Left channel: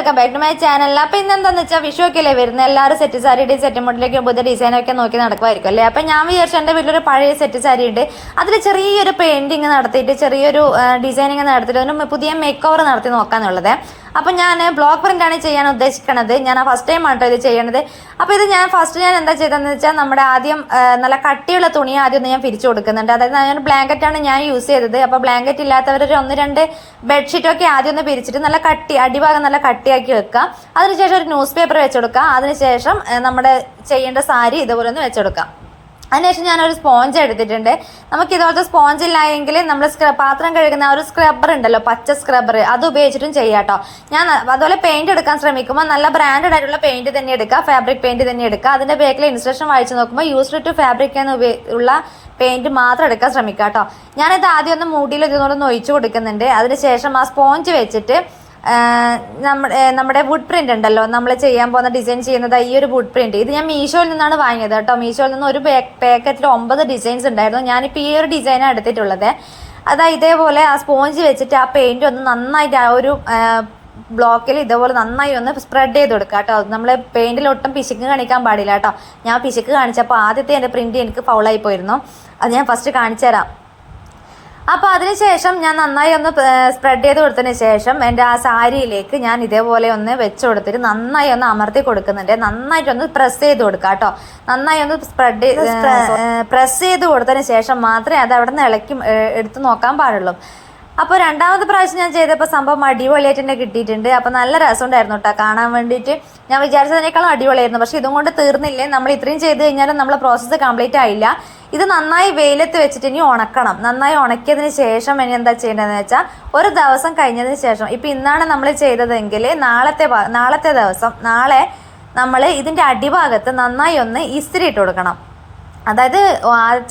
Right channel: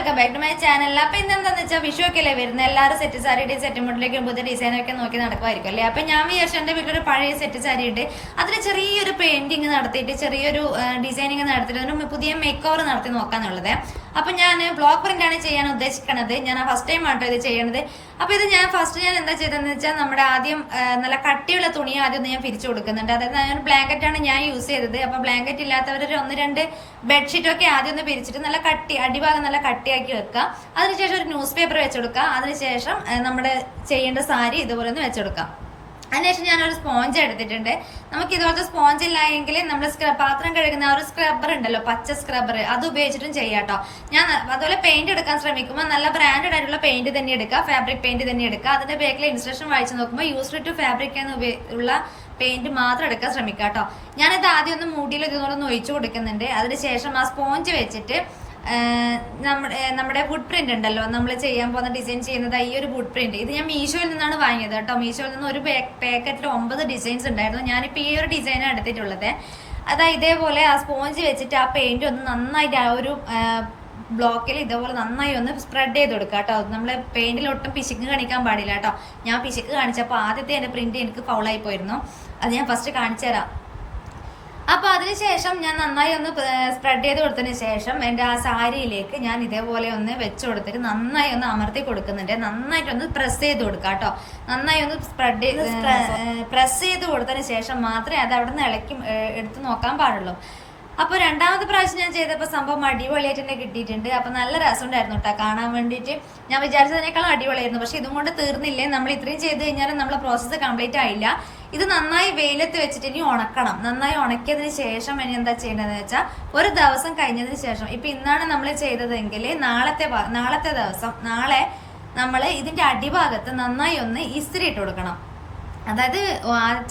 Welcome back to my channel അപ്പൊ ഇന്ന് എന്താന്ന് വെച്ചാൽ അല്ലേ വരുന്നത്? എല്ലാവരും സെറ്റ് സാരിയുടെയും സെറ്റ് മോഡലൊക്കെ പുതിയ ഡിസൈനൊക്കെ നോക്കി നടക്കുമായിരിക്കും അല്ലേ? അപ്പൊ ഞാൻ വിചാരിച്ചു എന്റെ വീട്ടിലൊരു പഴയ സെറ്റ് സാരി ഉണ്ട് അതിൽ ചെറിയൊരു പെയിന്റിങ് നടത്തിയിട്ട് ചെറിയൊരു ഡിസൈനിങ് നടത്തിയിട്ട് അതിന് പുതിയ മേക്ക് ഓവർ നടത്തി നോക്കാന്നുള്ളത്. അപ്പൊ ഞാൻ ബ്ലോക്ക് പ്രിന്റ് ആണ് ചെയ്യാൻ ഉദ്ദേശിക്കണത്. ഞാൻ ഫസ്റ്റ് ടൈം ആട്ടോ ഇത് ചെയ്യണത്. അപ്പോൾ ഇത് ഞാൻ ഫസ്റ്റ് ഞാൻ എന്താ ചെയ്തതെന്ന് വെച്ചാൽ നമ്മുടെ ആദ്യം നല്ല കട്ടിയുള്ള തുണി ആദ്യം ഞാൻ പിരിച്ചു കൊടുക്കുന്നുണ്ട്. അതായത് ഞാൻ ബ്ലാങ്കറ്റാണ് ഞാൻ യൂസ് ചെയ്തത്. അപ്പോൾ ബ്ലാങ്കറ്റ് ഇല്ലാത്തവർ ഒരു ഒന്ന് രണ്ട് ബെഡ്ഷീറ്റൊക്കെ ആദ്യം ഒന്ന് പിരിച്ചിട്ട് നല്ല കട്ടി അടിഭാഗം നല്ല കട്ടിയാക്കി വെക്കുക അതിനുശേഷം ഒരു ന്യൂസ് പേപ്പർ വെച്ചെടുക്കുക അതിനുശേഷം നമ്മുടെ ചെയ്യേണ്ട സാരി ഇതുപോലെ ഒന്ന് വെച്ചെടുക്കാം അതിനുശേഷം ഞാനൊരു സ്പോഞ്ച് എടുത്തിട്ടുണ്ട്. നമുക്ക് ഇതുപോലത്തെ സ്പോഞ്ച് ഇല്ലായെങ്കിൽ നമ്മൾ പാത്രം കഴുകുന്ന ഒരു സ്ക്രബ്ബർ ഉണ്ടല്ലോ പച്ച സ്ക്രബ്ബർ അത് ഉപയോഗിച്ചിട്ടും ചെയ്യാം കേട്ടോ. ഞാൻ അതുപോലെ പെയിന്റ് എടുക്കാൻ ശ്രമിക്കുമ്പോൾ നല്ല ബ്രാൻഡഡ് ആയിട്ടുള്ള പെയിന്റ് തന്നെ എടുക്കുക ഫാബ്രിക് പെയിന്റ് തന്നെ എടുക്കുക. അതിന്റെ ബാക്കിൽ ഇൻസ്ട്രക്ഷൻ വായിച്ചു നോക്കുമ്പോൾ യൂസ്ഡ് ടു ഫാബ്രിക് എന്ന് ഉള്ള പെയിന്റ് മാത്രം എടുക്കാൻ ശ്രമിക്കാം കേട്ടോ. ഞാനിത് ആദ്യം ഒന്ന് മൂടിയിൽ ഇതുകൊണ്ട് നൊയിച്ചു കൊടുക്കുന്നുണ്ട്. അതിനുശേഷം ആ സ്പോഞ്ച് വെച്ചിട്ട് നമ്മുടെ നമ്മുടെ വുഡ് പ്രിന്റ് ഉണ്ടല്ലോ. നമ്മൾ ചെയ്യാൻ പോകുന്ന ഡിസൈൻ ചെയ്യുന്നത് ഈ ഒരു വുഡ് പ്രിന്റ് ഇത് ഞാൻ മീഷോയിൽ നിന്നാണ് വാങ്ങിയത് കേട്ടോ. മീഷോയിൽ നിന്ന് ഒരു പാക്കറ്റിൽ ഒമ്പത് ഡിസൈൻസ് ഉണ്ടായിരുന്നു. ഞാനിപ്പോൾ ഈ ഒരു ഡിസൈനാണ് എടുത്തിട്ടുള്ളത്. അതാ ഇതേപോലെ ആ സ്പോഞ്ച് വെച്ചിട്ട് ആ പെയിന്റ് ഒന്ന് നന്നായിട്ട് ആ ഒരു ബ്ലോക്കിൽ ഇതേപോലെ നന്നായി ഒന്ന് സ്പ്രെഡ് ചെയ്ത് കൊടുക്കുക കേട്ടോ. നമ്മൾ പെയിന്റിൽ ഒട്ടും പിശുക്ക് കാണിക്കാൻ പാടില്ല കേട്ടോ. ഞാൻ പിശുക്ക് കാണിച്ചപ്പോൾ ആദ്യത്തെ എന്റെ പ്രിന്റ് എനിക്ക് ഫൗളായി പോയിരുന്നു. അത് ഞാൻ ഫസ്റ്റ് കാണിച്ചു തരാം അപ്പൊ അതിനുശേഷം ഞാൻ നന്നായി ഒന്ന് സ്പ്രെഡ് ചെയ്ത് കൊടുത്തതിന് ശേഷം എന്റെ ആ സാരിയിലേക്ക് ഞാൻ ഇതേപോലെ ഒന്ന് വെച്ച് കൊടുത്തിട്ട് നന്നായി ഒന്ന് അമർത്തി കൊടുക്കുന്നുണ്ട്. നന്നായിട്ട് ഒന്ന് പ്രസ് ചെയ്ത് കൊടുക്കുക കേട്ടോ. നന്നായി ഒന്ന് സ്പ്രെഡ് പ്രസ് ചെയ്ത് കൊടുത്തതിന് ശേഷം മാത്രമേ അത് അവിടെ നിന്ന് ഇളക്കി എടുത്ത് നോക്കാൻ പാടുള്ളൂ. അപ്പോൾ രണ്ടാമത്തെ പ്രാവശ്യം ഞാൻ ചെയ്തപ്പോൾ സംഭവം അടിപൊളിയായിട്ട് തന്നെ കിട്ടിയിട്ടുണ്ട്. അപ്പോൾ നല്ല രസമുണ്ടായിരുന്നു കേട്ടോ കാണാൻ വേണ്ടിയിട്ട് ഞാൻ വിചാരിച്ചതിനേക്കാളും അടിപൊളിയായിരുന്നു. പക്ഷേ ഇതും കൊണ്ട് തീർന്നില്ലേ? നമ്മൾ ഇത്രയും ചെയ്ത് കഴിഞ്ഞാൽ നമ്മളെ പ്രോസസ്സ് കംപ്ലീറ്റ് ആയില്ല. ഇത് നന്നായി വെയിലത്ത് വെച്ചിട്ട് ഇനി ഉണക്കണം. നന്നായി ഉണക്കിയതിന് ശേഷം ഇനി എന്താ ചെയ്യേണ്ടതെന്ന് വെച്ചാൽ ഒരു ദിവസം കഴിഞ്ഞതിന് ശേഷം ഇപ്പം ഇന്നാണ് നമ്മൾ ചെയ്തതെങ്കിൽ നാളത്തെ നാളത്തെ ദിവസം നാളെ നമ്മൾ ഇതിന്റെ അടിഭാഗത്ത് നന്നായി ഒന്ന് ഇസ്തിരി ഇട്ട് കൊടുക്കണം. അതായത്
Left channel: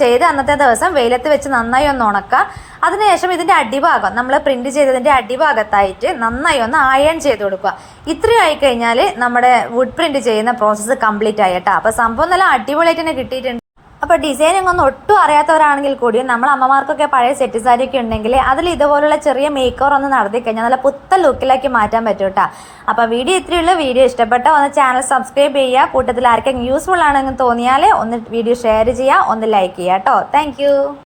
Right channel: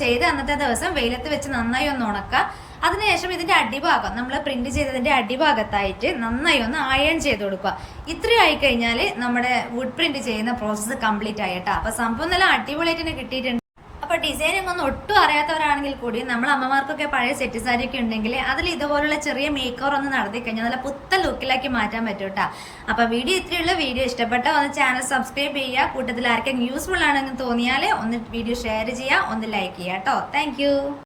ചെയ്ത് അന്നത്തെ ദിവസം വെയിലത്ത് വെച്ച് നന്നായി ഒന്ന് ഉണക്കുക അതിനുശേഷം ഇതിന്റെ അടിഭാഗം നമ്മൾ പ്രിന്റ് ചെയ്തതിന്റെ അടിഭാഗത്തായിട്ട് നന്നായി ഒന്ന് അയൺ ചെയ്ത് കൊടുക്കുക. ഇത്രയും ആയിക്കഴിഞ്ഞാൽ നമ്മുടെ വുഡ് പ്രിന്റ് ചെയ്യുന്ന പ്രോസസ്സ് കംപ്ലീറ്റ് ആയിട്ടാ അപ്പോൾ സംഭവം നല്ല അടിപൊളിയായിട്ട് തന്നെ കിട്ടിയിട്ടുണ്ട്. അപ്പൊ ഡിസൈനിങ് ഒന്നും ഒട്ടും അറിയാത്തവരാണെങ്കിൽ കൂടി നമ്മൾ അമ്മമാർക്കൊക്കെ പഴയ സെറ്റ് സാരി ഒക്കെ ഉണ്ടെങ്കിൽ അതിൽ ഇതുപോലുള്ള ചെറിയ മേക്ക് ഓവർ ഒന്ന് നടത്തി കഴിഞ്ഞാൽ നല്ല പുത്ത ലുക്കിലാക്കി മാറ്റാൻ പറ്റും കേട്ടോ അപ്പൊ വീഡിയോ ഇത്രയുള്ള വീഡിയോ ഇഷ്ടപ്പെട്ട ഒന്ന് ചാനൽ സബ്സ്ക്രൈബ് ചെയ്യുക. കൂട്ടത്തിൽ ആർക്കെങ്കിലും യൂസ്ഫുൾ ആണെന്ന് തോന്നിയാൽ ഒന്ന് വീഡിയോ ഷെയർ ചെയ്യുക. ഒന്ന് ലൈക്ക് ചെയ്യുക കേട്ടോ താങ്ക്